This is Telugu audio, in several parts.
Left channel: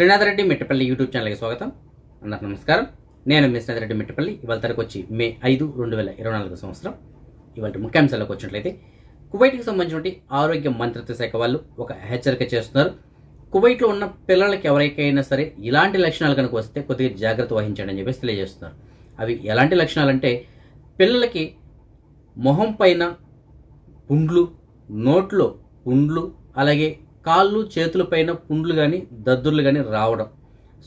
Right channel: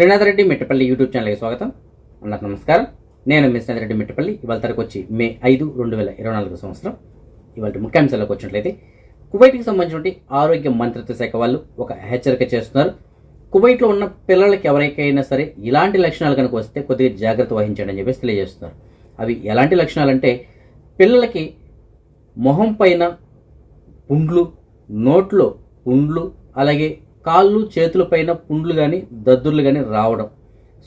శ్రీనాథ్ రెడ్డి మిట్టపల్లి యూట్యూబ్ ఛానల్కి స్వాగతం. అందరికి నమస్కారం. నేను మీ శ్రీనాథ్ రెడ్డి మిట్టపల్లి. ఇవాళ తరకు వచ్చి మే ఐదు రెండు వేల ఇరవై నాలుగు సంవత్సరం. ఇవాళ ముఖ్యాంశాలకు వచ్చినట్లయితే కువైట్కి సంబంధించిన ఆరోగ్య మంత్రిత్వ శాఖ వాళ్ళు ఒక హెచ్చరిక చేస్తున్నారు. కువైట్లో ఉన్న పిల్లలకి ఎవరికైనా సరే ఇలాంటి లక్షణాలు కనుక వస్తే కొద్దిగా జాగ్రత్త వహించండి అని చెప్పేసి తెలియజేస్తున్నారు. అవి ఎలాంటి లక్షణాలు అంటే పిల్లలకి మొహం పైన పుండ్లు నోట్లో పుండ్లు అలాగే కాళ్ళు చేతుల పైన పుండ్లు కానీ దద్దుర్లు కానీ రావడం.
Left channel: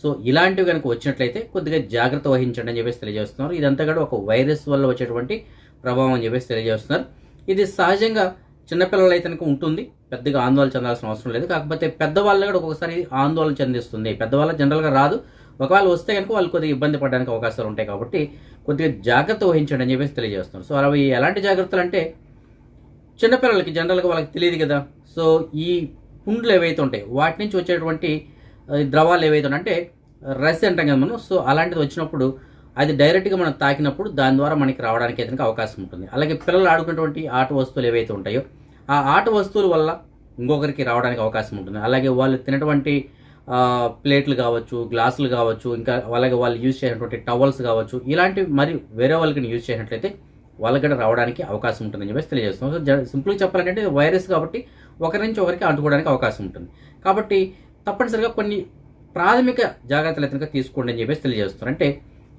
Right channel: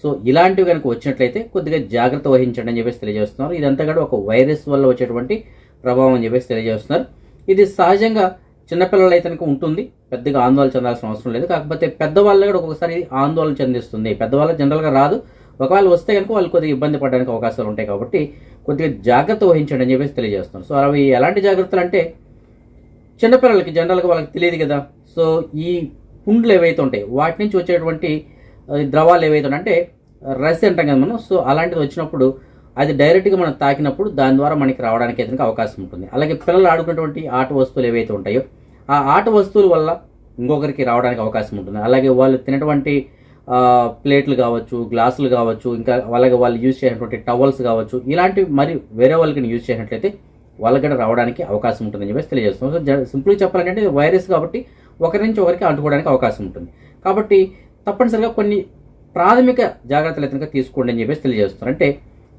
సో ఇలాంటివి కనుక వచ్చినట్లయితే కొద్దిగా జాగ్రత్త వహించండి అని చెప్పేసి తెలియజేస్తున్నారు. ఇదంతా కూడా ఒక వైరస్ వల్ల వచ్చేటువంటి ప్రభావం అని చెప్పేసి తెలియజేస్తున్నారు. ఇది సహజంగా చిన్నపిల్లలు అయితే కనుక ఉంటుంది. పెద్దగా ఆందోళన చెందాల్సిన అవసరం లేదు. కాకపోతే పెద్దవాళ్ళు కూడా ఒక్కొక్కసారి ఆందోళన చెందిస్తుంది. పెద్దవాళ్ళు జనరల్గా రాదు. ఒకవేళ వస్తే కనుక వాళ్ళు కొద్దిగా ఇబ్బంది పడడానికి అవకాశాలు ఉంటాయి కాబట్టి కొద్దిగా జాగ్రత్త వహించండి అని చెప్పేసి తెలియజేస్తున్నారు. సో అవి ఎలాంటి జాగ్రత్తలు అంటే చిన్నపిల్లలకి జనరల్గా వాళ్ళకి తెలియదు కదా. సో ఈ పుండ్లు ఏవైతే ఉంటాయి వాటి నుంచి వచ్చేటువంటి ద్రవాలు ఏవైతే అంటే రస్ అంటాం కదా మనం సో అలాంటిది వచ్చినప్పుడు అది డైరెక్ట్గా మనం తాకినప్పుడు దాని ద్వారా మనకి రావడానికి అయితే అవకాశం ఉంటుంది. అలాగే పిల్లలు ఆడుకునేటువంటి ఆట వస్తువులు ఏవైతే ఉంటాయో ఆ ఆట వస్తువుల వల్ల ఇంకొకరికి రావడానికి అవకాశం ఉంటుంది. అలాగే వాళ్ళు తినటువంటి ప్లేట్లు కావచ్చు గ్లాసులు కావచ్చు ఇంకా అలాగే వాళ్ళు యూజ్ చేసినటువంటి టవల్స్ కావచ్చు ఇలాంటివి మరి వేరే వాళ్ళకి యూజ్ చేసినట్లయితే వాళ్ళకి కూడా రావడానికి అవకాశం ఉంటుందని చెప్పేసి తెలియజేస్తాం సో సింపుల్గా చెప్పాలంటే వైరస్ కాబట్టి ఒకరి నుంచి ఒకరికి అంటుకోవడానికి అవకాశం ఉంటుంది. కాబట్టి తప్పనిసరిగా కొన్ని ప్రాథమిక జాగ్రత్తలు అయితే తీసుకోండి అని చెప్పేసి తెలియజేస్తున్నారు. అంటే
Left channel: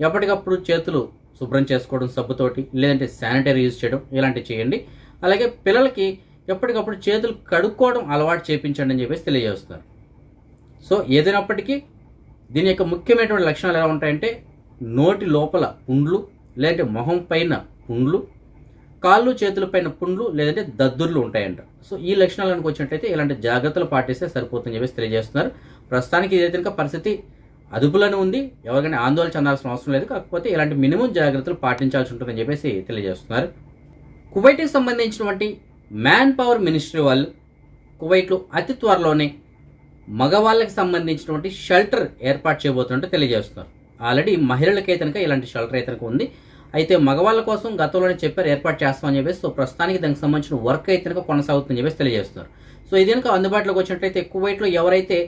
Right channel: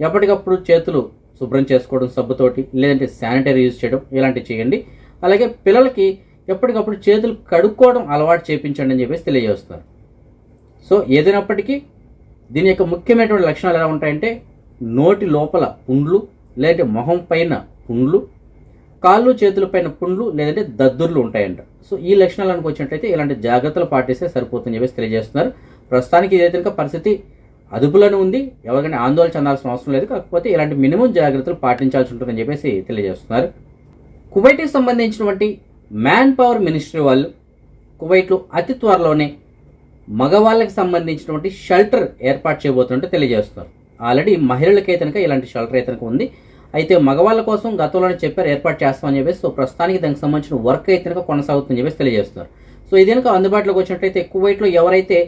ఎప్పటికప్పుడు చేతులు శుభ్రం చేసుకోవడం సబ్బుతోటి లేదంటే శానిటైజర్ యూజ్ చేయడం ఇలాంటివి చేయండి. అలాగే పిల్లలకి ఎప్పటికప్పుడు చేతులు కడుక్కోవడం అలవాటు చేయించండి అని చెప్పేసి తెలియజేస్తున్నారు. సో ఏదైనప్పటికీ దీని యొక్క ముఖ్యమైనటువంటి లక్షణాలు ఎలా ఉంటాయంటే నోటి లోపల పుండ్లు లేదంటే మొహం పైన పుండ్లు కాళ్ళు చేతుల పైన పుండ్లు లేదంటే దద్దుర్లు ఉంటాయంట. సో ఈ లక్షణాలకు వచ్చినట్టయితే ఇలాంటి జాగ్రత్తలు పాటిస్తే సరిపోతుందని చెప్పేసి తెలియజేస్తున్నారు. ప్రస్తుతానికి ఇదైతే కనుక పరిస్థితి అదుపులోనే ఉంది. ఎవరికైనా ఆందోళన చెందాల్సిన అవసరం లేదు. కాకపోతే ఇలాంటి మినిమం జాగ్రత్తలు పాటించాల్సి ఉంటుందని చెప్పేసి తెలియజేస్తున్నారు. కువైట్కి సంబంధించినటువంటి మ్యాన్ పవర్ మినిస్ట్రీ వాళ్ళు కువైట్లో అతి త్వరలోనే మగవాళ్ళకి సంబంధించినటువంటి షెల్టర్ ఏర్పాటు చేయబోతున్నట్టు తెలియజేస్తున్నారు. ఆల్రెడీ మహిళలకైతే కనుక ఇలాంటి షెల్టర్ అయితే కనుక ఉంది. అయితే మగవాళ్ళ కోసం గతంలోనే చెప్పారు ఏర్పాటు చేస్తామని చెప్పేసి. సో ప్రస్తుతానికి దానికి సంబంధించిన వర్క్ అయితే కనుక కొనసాగుతుందని చెప్పేసి తెలియజేస్తున్నారు. సో ఇది కనుక అందుబాటులోకి వచ్చినట్టయితే కువైట్లో ఎవరైతే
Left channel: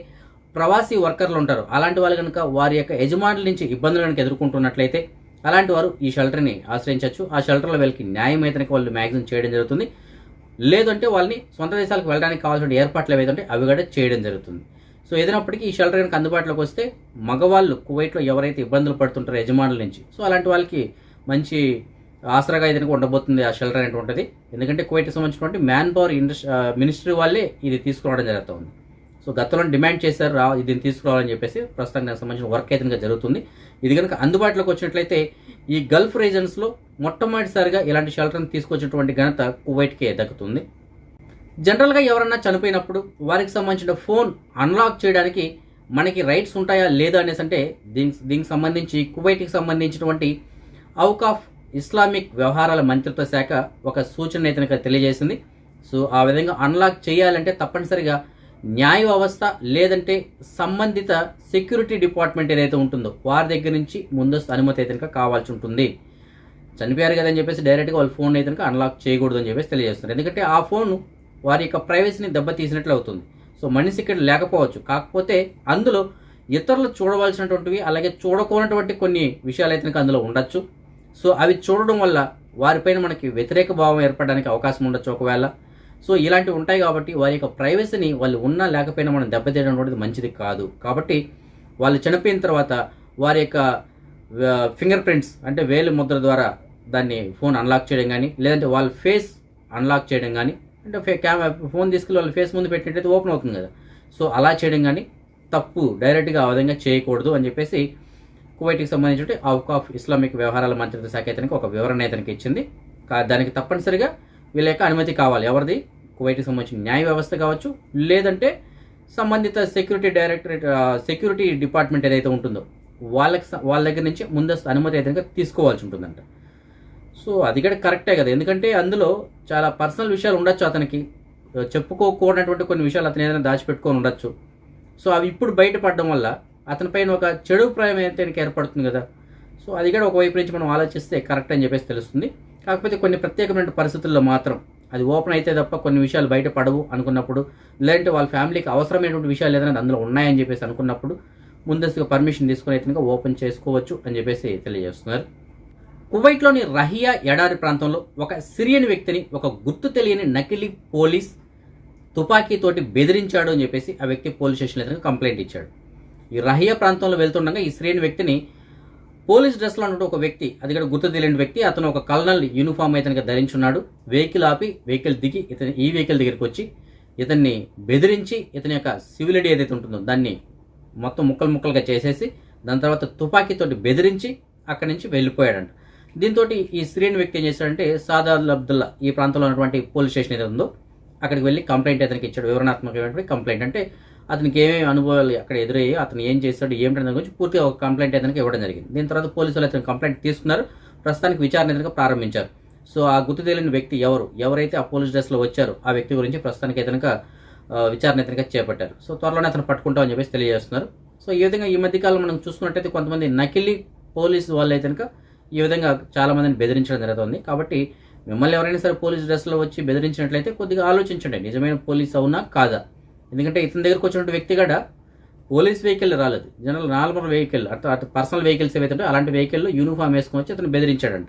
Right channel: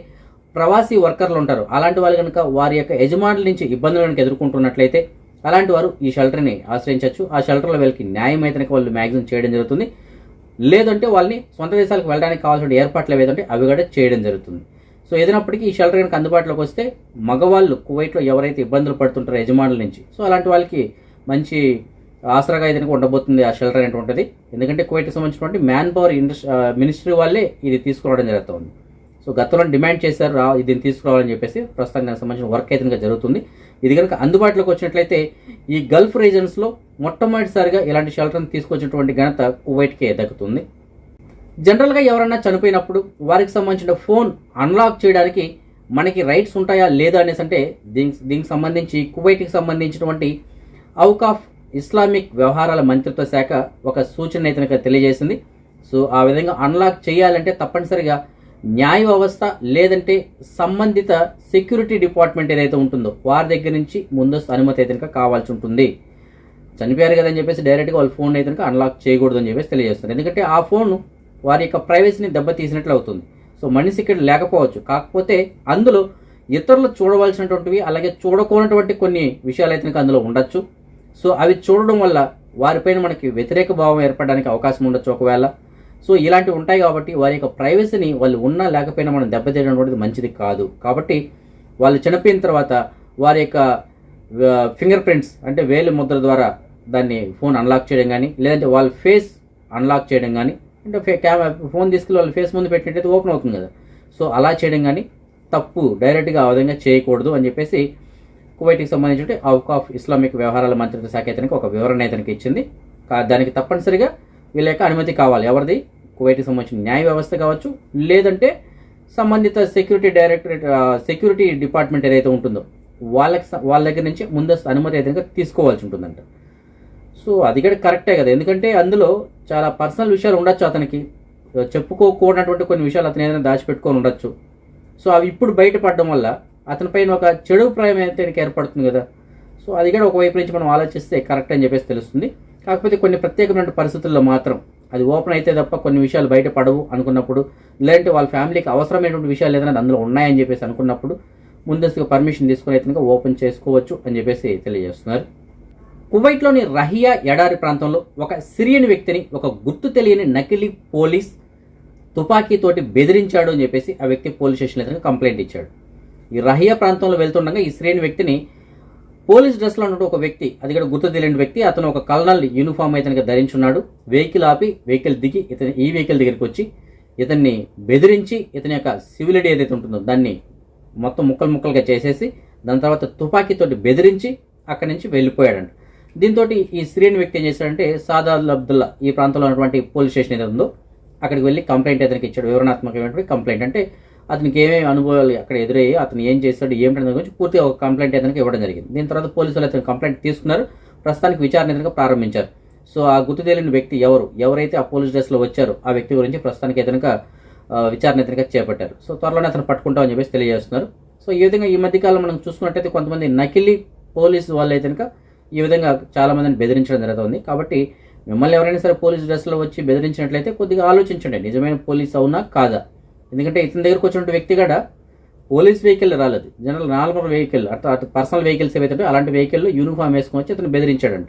ప్రవాసీ వర్కర్లు ఉంటారు అలాంటి వాళ్ళు కనుక వారి యొక్క యజమానుల నుంచి ఇబ్బందులు కనుక ఎదుర్కొంటున్నట్లయితే అలాంటి వారు ఈ షెల్టర్ని ఆశ్రయించవచ్చు. ఆ షెల్టర్లో వీళ్ళకి న్యాయం అయితే వాళ్ళు మ్యాక్సిమం చేయడం జరుగుతుంది. లేదంటే వాళ్ళని సొంత దేశాలకు వెళ్ళడానికి కావాల్సిన ఏర్పాట్లు ఏవైతే అవి కూడా చేయడం జరుగుతుంది. సో ఏదైనప్పటికీ ఈ షెల్టర్ కనుక అందుబాటులోకి వస్తే మగవాళ్ళు కువైట్లో ఎవరైతే ఇబ్బందులు పడుతుంటారో యజమానుల నుంచి సో అలాంటి వాళ్ళకి మంచి ఆసరాగా అయితే ఉండబోతుంది ఆ షెల్టర్ అనేటువంటిది. ఎందుకంటే కువైట్కి సంబంధించినటువంటి మ్యాన్ పవర్ ఇండస్ మినిస్ట్రీ వాళ్ళే ఇది తీసుకురావడం జరుగుతుంది. సో గతంలో డిమాండ్ చేశారు రా ఇది తీసుకురావాలని చెప్పేసి ప్రస్తుతం దానికి సంబంధించిన వర్క్ అయితే జరుగుతుంది. ఇది కనుక అందుబాటులోకి వచ్చినట్లయితే ఈ గల్ఫ్ రీజన్స్లో మొట్టమొదటిసారిగా ఇలాంటి షెల్టర్ని తీసుకొచ్చినటువంటి ఘనత కువైట్కే దక్కుతుంది జనరల్గా ఎవరన్నా చనిపోయినప్పుడు వారికి సంబంధించిన ఫోన్ అన్లాక్ చేయడానికి మనకి రైట్స్ ఉంటాయా లేదా అనేసి అంటే దీనికి దీనికి సంబంధించి కువైట్కి సంబంధించినటువంటి అవుకాఫ్ ఇస్లామిక్ వ్యవహారాల మంత్రిత్వ శాఖ ఒక సూచన అయితే తెలియజేసింది. సో ఆ విధంగా అన్లాక్ చేయాలంటే తప్పనిసరిగా న్యాయ వ్యవస్థ లేదంటే సంబంధిత సెక్యూరిటీ డిపార్ట్మెంట్ ఏదైతే ఉంటుందో వారి దగ్గర నుంచి ముందస్తు అనుమతి అయితే కనుక కావాల్సి ఉంటుంది. చనిపోయారు కదని చెప్పేసి డైరెక్ట్గా వాళ్ళ ఫోన్ అయితే కనుక అన్లాక్ చేయకూడదు అని చెప్పేసి తెలియజేస్తారు ఎందుకంటే ఆ ఫోన్ వారి యొక్క ప్రైవసీని దెబ్బతీసినట్లు అవుతుంది. సో మనిషి ఇక్కడ లేకపోవచ్చు. కాకపోతే అందులో ఇతరులు చూడవలసినటువంటివి అలాగే చూడకూడనటువంటి కొన్ని విషయాలు అయితే అందులో ఉండొచ్చు. సో అవి చూడడం వల్ల వారిపైన మనకి వ్యతిరేక భావం ఏర్పడడానికి అవకాశం ఉండొచ్చు ఒకవేళ. సో ఇలాంటివి ఉంటాయి కాబట్టి వారి యొక్క ప్రైవసీని వాళ్ళు ఉన్నా లేకపోయినా మనం దెబ్బతీయడం అనేది మంచిది కాదు. కాబట్టి వాళ్ళు చనిపోయిన తర్వాత వారి యొక్క ఫింగర్ ప్రింట్స్ అంటే వేలు ముద్ర ద్వారా దాన్ని ఫోన్ అన్లాక్ చేయడం కానీ లేదంటే వాళ్ళ ఫేస్ అన్లాక్ చేయడం కానీ అంటే కెమెరా ఫోన్ తీసుకెళ్ళి వాళ్ళ ఫేస్ ముందు పెట్టినట్టయితే ఓపెన్ అవుతుంది కదా. సో అలా చేయడం కానీ తప్పు డైరెక్ట్గా ఆ విధంగా చేయకూడదు అని చెప్పేసి కువైట్కి సంబంధించిన అవుట్ ఆఫ్ ఇస్లామిక్ వ్యవహారాల మంత్రిత్వ శాఖ ఇతనికి ఒక వివరణ ఇతనికి ఇచ్చింది. దానికి తప్పనిసరిగా వీళ్ళ యొక్క అనుమతి కావాలి. ఎవరిది? కువైట్కి సంబంధించిన న్యాయ వ్యవస్థ కావచ్చు లేదంటే సంబంధిత సెక్యూరిటీ డైరెక్టరేట్ సెక్యూరిటీ డిపార్ట్మెంట్ ఏదైతే ఉంటుందో వాళ్ళకి వాళ్ళ దగ్గర నుంచి ముందస్తు అనుమతి అయితే తీసుకోవాల్సి ఉంటుందంట. సో అది కూడా కరెక్టే కదా. ఎందుకంటే అందులో చాలా పర్సనల్ విషయాలు ఉండొచ్చు అతనికి. చెప్పుకోకూడనటువంటి కొన్ని విషయాలు అతను ఏదైనా దాచిపెట్టుకొని ఉండొచ్చు. సో అవి ఇప్పుడు బయటపడడం వల్ల అతనిపైన ఒక చెడు అభిప్రాయం అయితే ఏర్పడుతుంది కదా. సో అది కూడా ఒకవైపు నుంచి మనం ఆలోచిస్తే కరెక్ట్ అని చెప్పేసి తెలుస్తుంది. కాకపోతే కొన్ని ప్రత్యేకమైన పరిస్థితుల్లో మాత్రం అది ఓపెన్ అయితే తప్ప కొన్ని విషయాలు బయట పడవు అనుకున్నప్పుడు లేదంటే వాళ్ళ ఫ్యామిలీకి అవసరమైనటువంటి విషయాలు ఏదైనా అందులో ఉన్నాయని చెప్పేసి అనుకున్నప్పుడు ముందస్తుగా పర్మిషన్ తీసుకుని అయితే ఓపెన్ చేసుకోవచ్చు అని చెప్పేసి తెలియజేస్తున్నారు. కువైట్లోని రహియా ఎడారి ప్రాంతంలో ఒక సిరియన్ వ్యక్తిని ఒక గుర్తు తెలియని నకిలీ పోలీస్ తుపాకీతోటి బెదిరించాడు అని చెప్పేసి ఆ వ్యక్తి పోలీస్ స్టేషన్లో అయితే కంప్లైంట్ ఇచ్చాడు. ఈ రహియా ప్రాంతంలో వెళ్తుండగా ఈ శ్రేణి వ్యక్తిని పోలీస్ డ్రెస్లో ఉన్నట్టు ఒక వ్యక్తి అది కూడా గుర్తు తెలియని వ్యక్తి అతను ఒక కల్నల్ యూనిఫామ్ ఇతనికి ధరించున్నాడు. వెహికల్ ఆపి వెహికల్ దిగి ఇతని ఈ వెహికల్ దగ్గరికి వచ్చి ఇతన్ని బెదిరించి ఇతని యొక్క సివిలిటీ ఏదైతే ఉంటుందో దాన్ని మొత్తం ముక్కలు ముక్కలుగా చేసేసి దాని తర్వాత తుపాకీతోటి బెదిరించి అక్కడి నుంచి వెళ్ళిపోయాడంట. దీంతో ఈ శ్రేణి వ్యక్తి ఏం చేశాడంటే సాదాల్ అబ్దుల్లా ఈ ప్రాంతంలో ఉన్నటువంటి పోలీస్ స్టేషన్ ఏదో ఉందో అక్కడికి వెళ్ళి కంప్లైంట్ అతనికి ఇచ్చాడు. వివరణాత్మకమైనటువంటి కంప్లైంట్. అంటే అతనికి ఏమేమి అనుభవాలు అక్కడ ఎదురయ్యి అతను ఏం చేశాడు ఏమిటనే గురించి పూర్తిగా ఒక కంప్లైంట్ అతనికి ఇవ్వడం జరిగింది. దీని తర్వాత పోలీసులు అతను కంప్లైంట్ తీసుకున్నారు. ప్రస్తుతానికి విచారణ ఏదైనా ప్రారంభించారు. సో ఆ గుర్తు తెలియని వ్యక్తి ఎవరు? ఎవరైతే ఆ పోలీస్ డ్రెస్లో వచ్చారో ఆ వ్యక్తి గురించి ప్రస్తుతానికి ఏదైనా విచారణ ఏదైనా చేపట్టారు. సో త్వరలోనే అతను పట్టుకుంటామని చెప్పేసి తెలియజేస్తున్నారు. సో ఈ విధంగా ఈ మధ్యకాలం మనం చూసుకున్నట్టయితే కొంతమంది నకిలీ పోలీసు వాళ్ళు అయితే కనుక ఈ విధంగా చాలా మందిని బెదిరించడం జరుగుతుంది. కాబట్టి మిమ్మల్ని ఎవరైనా సరే పోలీస్ డ్రెస్లో వచ్చి బెదిరించినట్లయితే కొద్దిగా ఆలోచించండి. నిజమైన పోలీస్ అవునా? కాదా? ఎందుకంటే ఇతని దగ్గరకు వచ్చినటువంటి వ్యక్తి కూడా పోలీస్ వెహికల్ రాలేదు. జనరల్ నార్మల్ వెహికల్ అటు అటు పర్సనల్ వెహికల్స్ ఏవైతే అలాంటి వెహికల్లో యూనిఫామ్ వేసుకొని వచ్చి అతను బెదిరించాడంట.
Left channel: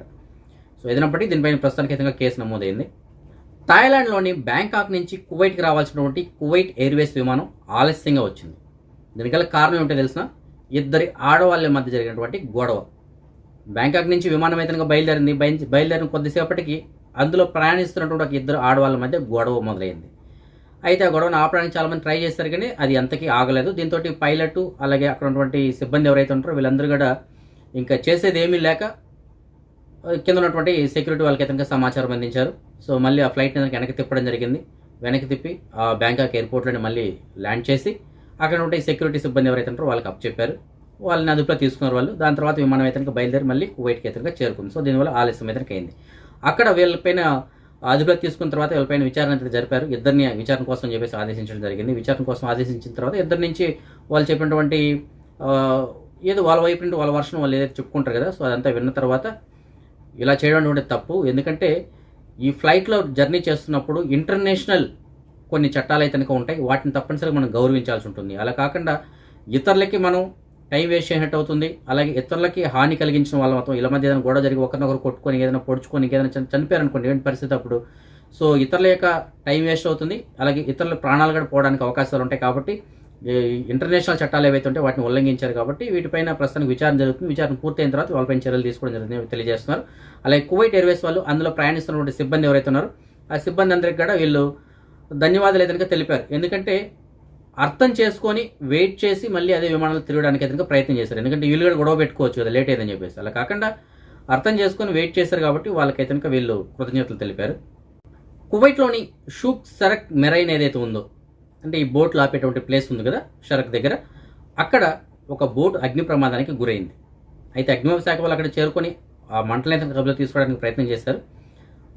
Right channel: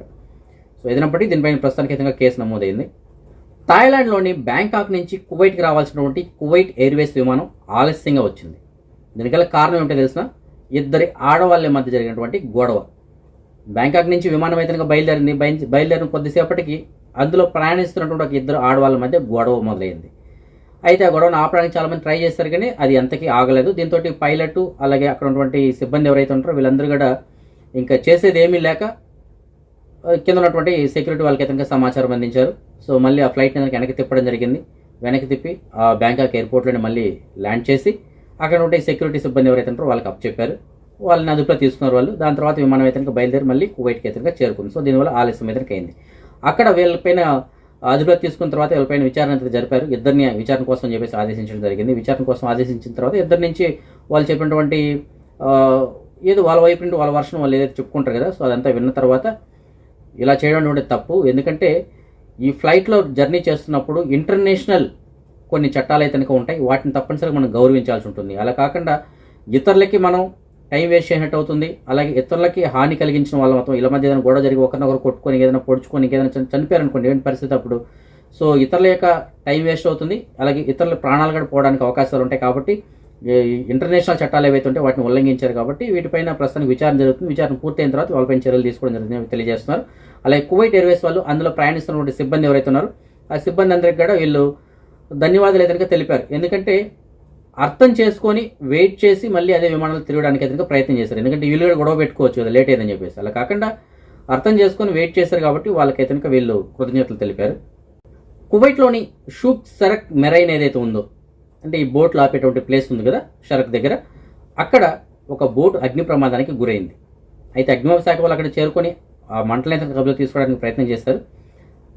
సో ఏదైనప్పటికీ దీనిపైన ప్రస్తుతానికి ఇతంగా కేసు నమోదైంది. థాయిలాండ్లోని బ్యాంకాక్ నుంచి కువైట్కి రావాల్సినటువంటి కువైట్ ఎయిర్వేస్ విమానం ఆలస్యంగా వచ్చింది. దీనికల్ల కారణం ఏమిటో తెలిసిన ఇద్దరి ఆడవాళ్ళ మధ్య జరిగినటువంటి గొడవ. బ్యాంకాక్ నుంచి విమానం అయితే బయలుదేరింది బయ- బయలుదేరిన కొద్దిసేపటికి అందులో ప్రయాణిస్తున్నటువంటి ఒక ఇద్దరు ఆడవాళ్ళ మధ్య గొడవ మొదలైంది. అయితే ఆ గొడవను ఆపడానికి చాలామంది ట్రై చేస్తారు కానీ అది అంతకీ ఆగలేదు. దీంతో పైలట్ అలాగే అక్కడ ఉన్నటువంటి సిబ్బంది ఎవరైతే ఉంటారో వీళ్ళందరూ కూడా ఇంకా చేసేది ఏమీ లేక కింద ఉన్నటువంటి సెక్యూరిటీ వాళ్ళకి అయితే సమాచారం అందించారు. సో మళ్ళీ ఆ ఫ్లైట్ కనుక వెనక్కి తిప్పడం జరిగింది. వెనక్కి తిప్పి ఆ బ్యాంకాక్ ఎయిర్పోర్ట్లోనే మళ్ళీ ల్యాండ్ చేసి అక్కడ ఉంటే సెక్యూరిటీ సిబ్బంది ఎవరైతే ఉంటారో వాళ్ళకి అప్ చెప్పారు. వాళ్ళని అదుపులో తీసుకున్నారు వాళ్ళు. దాని తర్వాత విమానం అయితే బయలుదేరి మళ్ళీ కువైట్కి అయితే చేరుకుంది. సో దీనివల్ల ఆలస్యం అయితే అయింది. అక్కడ వీళ్ళపైన అదుపులోకి తీసుకున్న తర్వాత వీళ్ళపైన విచారణ జరిపారు. ఇద్దరిని విచారణ కోసం చెప్పేసి ఆదేశించడం జరిగింది. విచారణ కోసం ఆదేశించిన తర్వాత ఇద్దరి నుంచి వాళ్ళు చెప్పినటువంటి ఏదో వాళ్ళ వైపు నుండి వాళ్ళ వర్షం వాళ్ళు ఏదైతే చెప్పుకుంటారు కదా సో అదంతా విన్న తర్వాత ఇలా చేయడం అనేది తప్పు. ఎందుకంటే ఈ ఫ్లైట్లో జర్నీ చేస్తున్నప్పుడు ఇంటర్నేషనల్ కొన్ని చట్టాలు అయితే కనుక ఉంటాయి. వాటిని తప్పనిసరిగా మనం గౌరవించాల్సి ఉంటుంది. అలా కాకుండా ఇతరులకి మనం టైం వేస్ట్ చేసినట్టు అవుతుంది. అలాగే ఇతరులకి హాని కలిగించిన వాళ్ళ మొత్తం ఇలా మధ్య ఏదైనా గొడవ జరిగి ఒకరినొకరు కొట్టుకొని ఏదైనా పొడుచుకొని ఏదైనా చని- చనిపోయారనుకోండి ఏంటి పరిస్థితి అప్పుడు. సో ఇతరుల యొక్క టైం వేస్ట్ అవుతుంది. అలాగే ఇతరుల ప్రాణాలు కూడా పోవడానికి అవకాశాలు ఉంటాయి కాబట్టి ఇంటర్నేషనల్ చట్టాలు ఏవైతే ఉంటే వాటిని ఉల్లంఘించారు కాబట్టి వీటిపైన ప్రస్తుతానికి విచారణ జరుగుతుంది. విచారణ పూర్తయిన తర్వాత వాళ్ళపైన చర్యలు తీసుకోవడం జరుగుతుంది తెలియజేస్తున్నారు. అలాగే కువైట్ ఎయిర్వేస్ వాళ్ళు అందులో ప్రయాణిస్తున్నటువంటి సిబ్బంది ఎవరైతే ఉన్నారో ఆ సిబ్బంది అందరికి కూడా వీళ్ళు ధన్యవాదాలు ఏదైనా తెలిపారు. ఎందుకంటే అర్థం చేసుకొని వెయిట్ చేసి మళ్ళీ అదే విమానాలు తిరగడానికి అయితే ప్రయత్నం చేశారు. ఎందుకంటే వీళ్ళు కూడా గొడవ పెట్టుకోవచ్చు కదా లేట్ అయిందని చెప్పేసి. అలా కాకుండా అర్థం చేసుకొని వెయిట్ చేశారు కాబట్టి వాళ్ళకైతే కనుక వీళ్ళు కృతజ్ఞతలు తెలిపారు. కువైట్లోని షూక్ సరక్ మెరైన్ ఏదైతే ఉందో అంటే ఈ బోట్లు ఆపేటువంటి ప్లేస్ ఉంది కదా షరక్ దగ్గర అక్కడ ఒక బోట్ అగ్ని ప్రమాదానికి గురైంది. అయితే అగ్నిమాపక శాఖ వాళ్ళు అక్కడ చేరుకొని ఆ మంటలైతే కబులు తీసుకోవడానికి ప్రయత్నం చేశారు.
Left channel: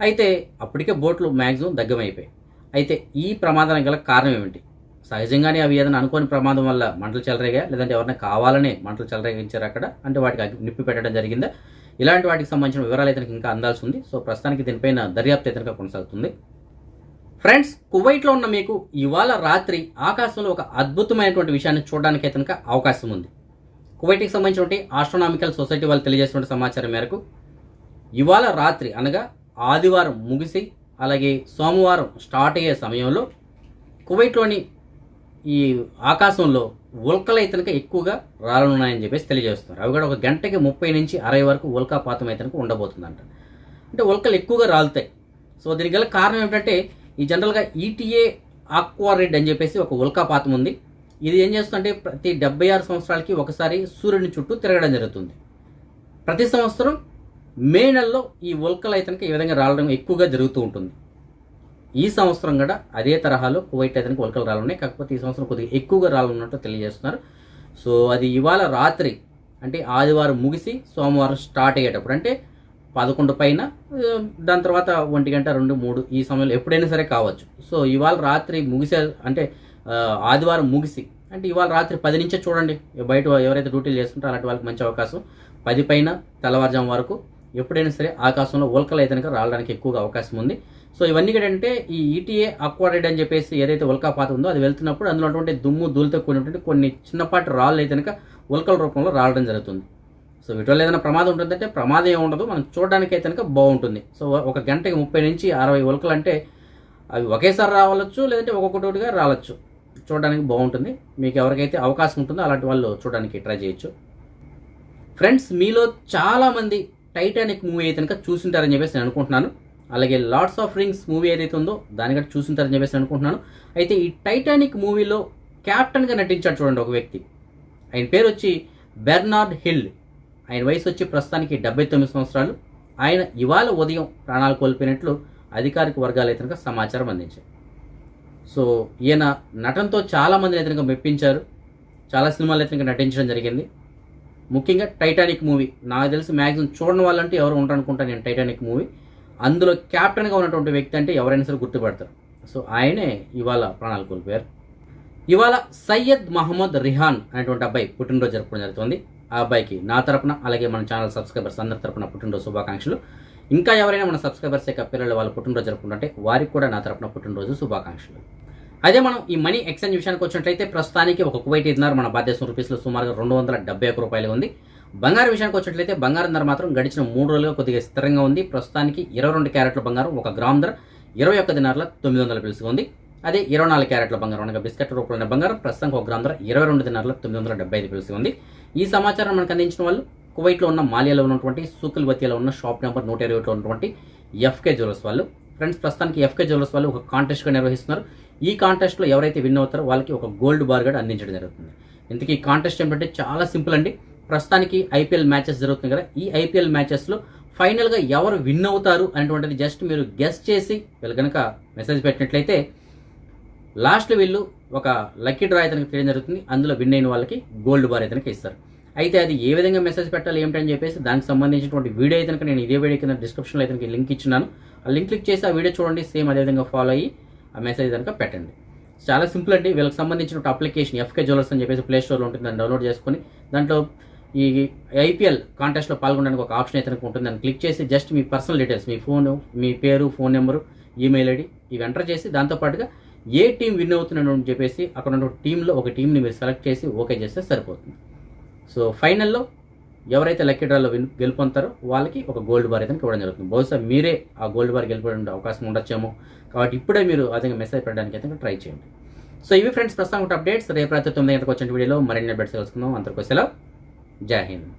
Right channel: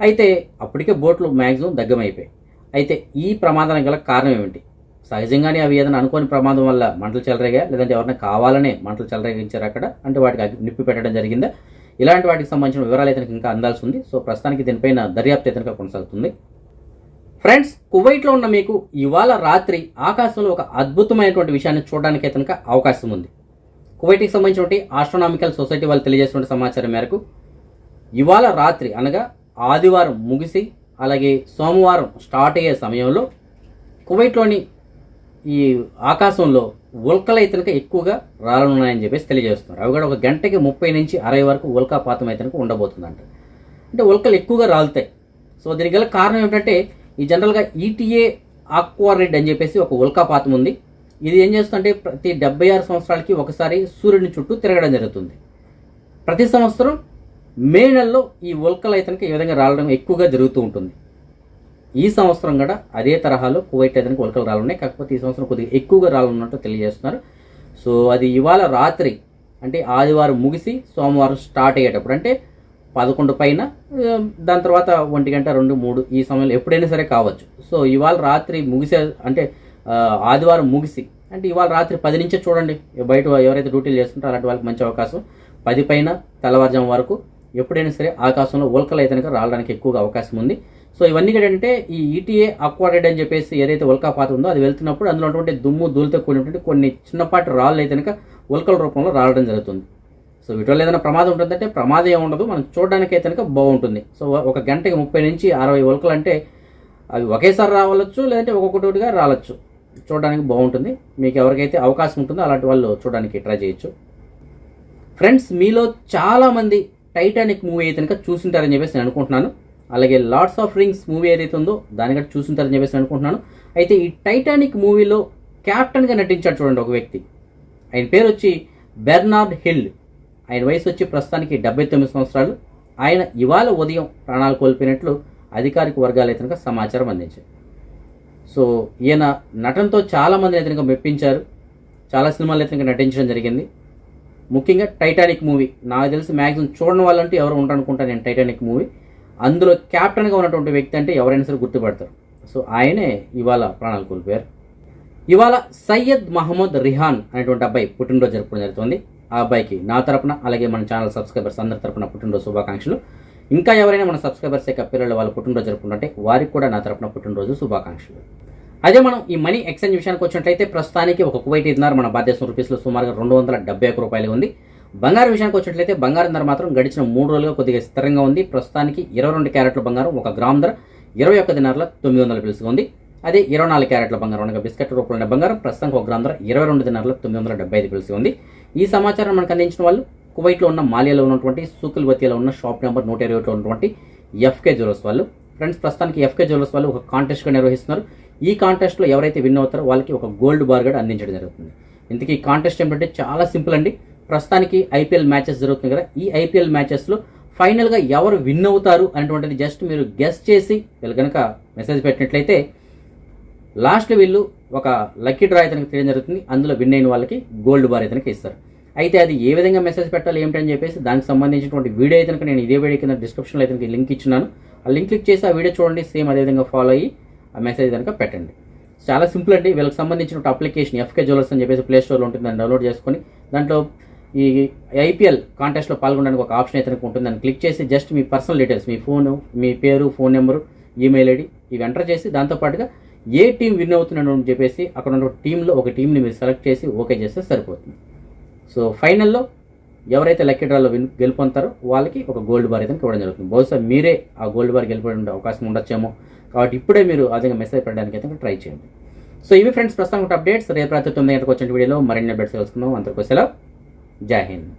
అయితే అప్పటికే బోట్లు మ్యాక్సిమం దగ్గమైపోయాయి. అయితే ఈ ప్రమాదానికి గల కారణం ఏమిటి? సహజంగానే అవి ఏదైనా అనుకోని ప్రమాదం వల్ల మంటలు చెలరేగా లేదంటే ఎవరైనా కావాలనే మంటలు చెలరేగించారు అక్కడ అంటే వాటికి నిప్పి పెట్టడం జరిగిందా? ఇలాంటి వాటికి సంబంధించిన వివరాలు అయితే ఇంకా అందాల్సి ఉంది. సో ప్రస్తుతానికి దీనిపైన దర్యాప్తు అయితే కొనసాగుతుంది. ఫ్రెండ్స్ కువైట్లో ఉన్న మీకు ఇవాళ రాత్రి ఆకాశంలో ఒక అద్భుతమైనటువంటి విషయాన్ని చూడడానికి అయితే కనుక అవకాశం ఉంది. కువైట్కి సంబంధించినటువంటి ఆస్ట్రోనామికల్ సొసైటీ వాళ్ళు తెలియజేసిన సమాచారం మేరకు ఇవాళ రాత్రి అనగా ఆదివారం ముగిసి అలాగే సోమవారం స్టార్ట్ అయ్యే సమయంలో కువైట్లోని ఈ ఆకాశంలో ఉల్కలైతనక ఎక్కువగా రాలనున్నాయని చెప్పేసి తెలియజేస్తున్నారు. అవి కూడా ఒక గంటకి ముప్పై నుంచి అరవై వరకు ఉల్కాపాతం అయితే ఉండబోతుందంట. అంటే ఉల్కలు ఎక్కువగా రాలుతాయి. సో దీనికి గల కారణం ఏమిటంటే ఈ జనరల్గా ఈటీఏ ఆక్వారిడ్ అని చెప్పేసి ఒక ఉల్కాపాతం ఉంది. ఇది ఏం చేస్తుందంటే ప్రతి డెబ్బై ఆరు సంవత్సరాలకి ఒకసారి సూర్యుని చుట్టూ తిరగడం జరుగుతుంది. ప్రతి సంవత్సరం మే నెలలో ఈ ఉల్కలు అయితే ఈ విధంగా రావడం ఎక్కువగా జరుగుతూ ఉంటుంది. ఈ సంవత్సరం కూడా అదే తరహాలో కువైట్ అయితే కనుక రాలున్నాయి. కాకపోతే ఈ సంవత్సరం కొద్దిగా ఎక్కువగా రాలున్నట్టు తెలియజేస్తున్నారు. సో అది ఇవాళ రాత్రి అంటే ఆదివారం ముగిసి సోమవారం స్టార్ట్ అయ్యేటప్పుడు అంటే పదకొండు పైన దాని తర్వాత ఒంటి గంట రెండు మూడు ఈ సమయంలో ఎప్పుడైనా సరే కావచ్చు. సో ఇవాళ రాత్రి ముగిసే అంటే ఆదివారం ముగిసి అంటే ఇవాళ రాత్రి పది నుంచే చూడండి. బయట ఎవరైతే డ్యూటీలు చేస్తుంటారో అలాంటి వాళ్ళకి మంచి అవకాశం. పది పైన తెల్లవారుజాము వరకు ఎప్పుడైనా సరే ఆకాశంలో ఉల్కలు అయితే రావడానికి ఎక్కువగా అవకాశం ఉంది. సో ఇవన్నీ కూడా ఏంటంటే ఈ ఈటీఏ అక్వాటెడ్ అని చెప్పేసి ఏదైతే ఉల్కాపాతం ఉందో అది వెళ్తున్నప్పుడు అందులో ఉన్నటువంటి దుమ్ము ధూళితో కూడినటువంటి కొన్ని చిన్నపాటి రాళ్ళు అయితే కనుక ఉల్కల రూపంలో రావడం జరుగుతుంది. సో వీటి వల్ల ఏదైనా ప్రమాదం ఉంటుందంటే ప్రమాదం ఏముండదు ఉండదు. మనం చూడడానికి అయితే కనుక బాగుంటుంది. సో ఒక గంటకి ముప్పై నుంచి అరవై ఉల్కలు అంటే అవి ఒకేసారి రావచ్చు లేదంటే ఒక్కొక్కటిగా రావచ్చు చూడడానికి బాగుంటుంది. మీకు ఎవరికైతే అవకాశం ఉంటుందో అలాంటి వాళ్ళు చూడడానికి ట్రై చేయొచ్చు. ఫ్రెండ్స్ మీలో చాలామంది టైటానిక్ మూవీ అయితే కనుక చూసింటారని చెప్పేసి నేను అనుకుంటున్నాను. అలాగే లార్డ్స్ ఆఫ్ రింగ్స్ మూవీ ఏదైతే ఉందో దాని కూడా చూసింటారని చెప్పేసి అనుకుంటున్నాను. అయితే ఈ టైటానిక్ మూవీలో క్యాప్టెన్గా నటించాడు చూడండి ఒక వ్యక్తి. ఆయన పేరు వచ్చి బెర్నార్డ్ హిల్ ఆయన వయసు వచ్చి ప్రస్తుతానికి డెబ్బై తొమ్మిది సంవత్సరాలు. ఆయన ఇవాళ ఉదయం ప్రాణాలు కోల్పోయినట్లు అధికారిక వర్గాలు అయితే సమాచారం అందించాయి. సో ఈయన నటనతో చాలామంది అయితే కనుక మెప్పించారు. చాలా సినిమాలు అయితే నటించడం జరిగింది. ముఖ్యంగా టైటానిక్ మూవీ నాకు తెలిసి మ్యాక్సిమం చూడడం వాళ్ళంటే ఎవరు ఉంటారనుకుంటా నేను టైటానిక్ మూవీ అందులో క్యాప్టెన్గా ఉన్నటువంటి వ్యక్తి అంటే ఎవరైనా సరే గుర్తుపడతారు. సో ఆయనే ఇవాళ ప్రాణాలు కోల్పోయారు. ఇవాళ సయ్యద్ మహమ్మద్ రిహాన్ అనేటువంటి అబ్బాయి పుట్టినరోజు జరుపుకోవడం జరుగుతుంది. ఆ అబ్బాయికి నా తరపున అలాగే మన ఛానల్ సబ్స్క్రైబర్స్ అందరి తరపున పుట్టినరోజు శుభాకాంక్షలు. ఇంకా ఎవరైనా మన సబ్స్క్రైబర్స్ యొక్క పిల్లలు వాళ్ళు పుట్టినరోజు జరుపుకుంటుంటే వారికి కూడా నా తరపున పుట్టినరోజు శుభాకాంక్షలు. అదే మనం ఈ మనీ ఎక్స్చేంజ్ విషయానికి వచ్చినట్లయితే ప్రస్తుతానికి ఒక కువైట్ ఇదినార్ మన భారతదేశం రూపీస్లో సుమారుగా రెండు వందల డెబ్బై ఒక రూపాయలు ఉంది. బంగారం విషయానికి వచ్చినట్లయితే బంగారం ధర మాత్రం గడిచిన మూడు రోజులుగా కొద్దిగా స్థిరంగా ఉంది. ప్రస్తుతానికి ఇరవై రెండు క్యారెట్ల బంగారం ఒక గ్రామ్ ధర ఇరవై ఒక్క దినార్ల తొమ్మిది వందల పిలుసుగా ఉంది. అదే ఇరవై నాలుగు క్యారెట్ల బంగారం అనగా బిస్కెట్ రూపంలో బంగారం ప్రస్తుతానికి ఒక గ్రామ్ ధర ఇరవై రెండు దినార్ల తొమ్మిది వందల డెబ్బై ఐదు పిలుసుగా ఉంది. ఈ సమాచారం మనకు అందించిన వాళ్ళు కువైట్లో ఉన్న మాలియాలో ఉన్నటువంటి సూకుల్ బతియాలో ఉన్న షాప్ నెంబర్ నూట ఇరవై ఒకటిలో ఉన్నటువంటి ఎఫ్కే జ్యువెలర్స్ వాళ్ళు. ఫ్రెండ్స్ ప్రస్తుతానికి ఎఫ్కే జ్యువెలర్స్ వాళ్ళు ఒక కాంటెస్ట్గా నిర్వహిస్తున్నారు. ఈ కాంటెస్ట్లో ఎవరైతే విన్ అవుతారో వాళ్ళకి ఒక గోల్డ్ బార్ గడ్ అందించడం జరుగుతుంది. ఇంతకీ ఈ కాంటెస్ట్ ఏంటంటే చాలా సింపుల్ అండి. ప్రస్తుతానికి ఐపీఎల్ మ్యాచెస్ జరుగుతుంది కదా. ఈ ఐపీఎల్ మ్యాచెస్లో ఫైనల్గా ఎవరు విన్ అవుతారు అనేటువంటిది జస్ట్ మీరు గెస్ట్ చేసి వీళ్ళు కనుక మెసేజ్ పెట్టినట్లయితే లాస్ట్లో వీళ్ళు ఒక లక్కీ డ్రా అయితే తెలియడం జరుగుతుంది. అందులో విన్ అయిన వాళ్ళకి గోల్డ్ బార్ అయితే ఇస్తారు. అయితే అది ఏ విధంగా మెసేజ్ పెట్టాలి ఏమిటని చెప్పేసి దానికి సంబంధించినటువంటి వీడియో అయితే కనుక నేను ఇదే వీడియో కింద డిస్క్రిప్షన్లో అయితే లింక్ ఇచ్చినాను ఆ లింక్ క్లిక్ చేసి ఆ వీడియో చూడండి. సేమ్ అదే విధంగా ఫాలో అయ్యి ఆ మెసేజ్ కనుక పెట్టండి. చాలా సింపుల్ అండి. వీళ్ళకి సంబంధించిన అప్లికేషన్ ఎఫ్కే జ్యువెలర్స్ అని చెప్పేసి ప్లే స్టోర్లో ఉంటుంది దాన్ని డౌన్లోడ్ చేసుకొని దాంట్లో ఈ ఐపీఎల్ కాంటెస్ట్లో పాల్గొనడానికి ఒక ఆప్షన్ అయితే ఉంటుంది దాన్ని క్లిక్ చేసి జస్ట్ మీ పర్సనల్ డీటెయిల్స్ మీ ఫోన్ మీ పేరు ఫోన్ నెంబరు ఈమెయిల్ ఐడి ఇవి ఎంటర్ చేసి దాంతోపాటుగా ఏ టీం విన్ అవుతున్నాడు అని చెప్పేసి అక్కడ ఉన్న టీంలో ఒక టీంని మీరు సెలెక్ట్ చేసి ఓకే చేస్తే సరిపోతుంది. సో ఫైనల్లో ఎవరైతే లక్కీ డ్రాలో విన్ గెలుపొందుతారో వాళ్ళకి ఒక గోల్డ్ బార్ అయితే ఇవ్వడం జరుగుతుంది. బహుశా మీరే ఆ గోల్డ్ బార్ గెలిపే అవకాశం ఉండొచ్చేమో. కాబట్టి ఇప్పుడే మీరు అదే మెసేజ్ పెట్టడానికి అయితే ట్రై చేయండి. సో ఇవి ఫ్రెండ్స్ ప్రస్తుతం అప్డేట్స్ రేపు రాత్రి తొమ్మిది గంటలకు వచ్చిన వీడియోలో మరిన్ని అప్డేట్స్ తెలుసుకుందాం. అందరికీ సెలవు. जय हिंद।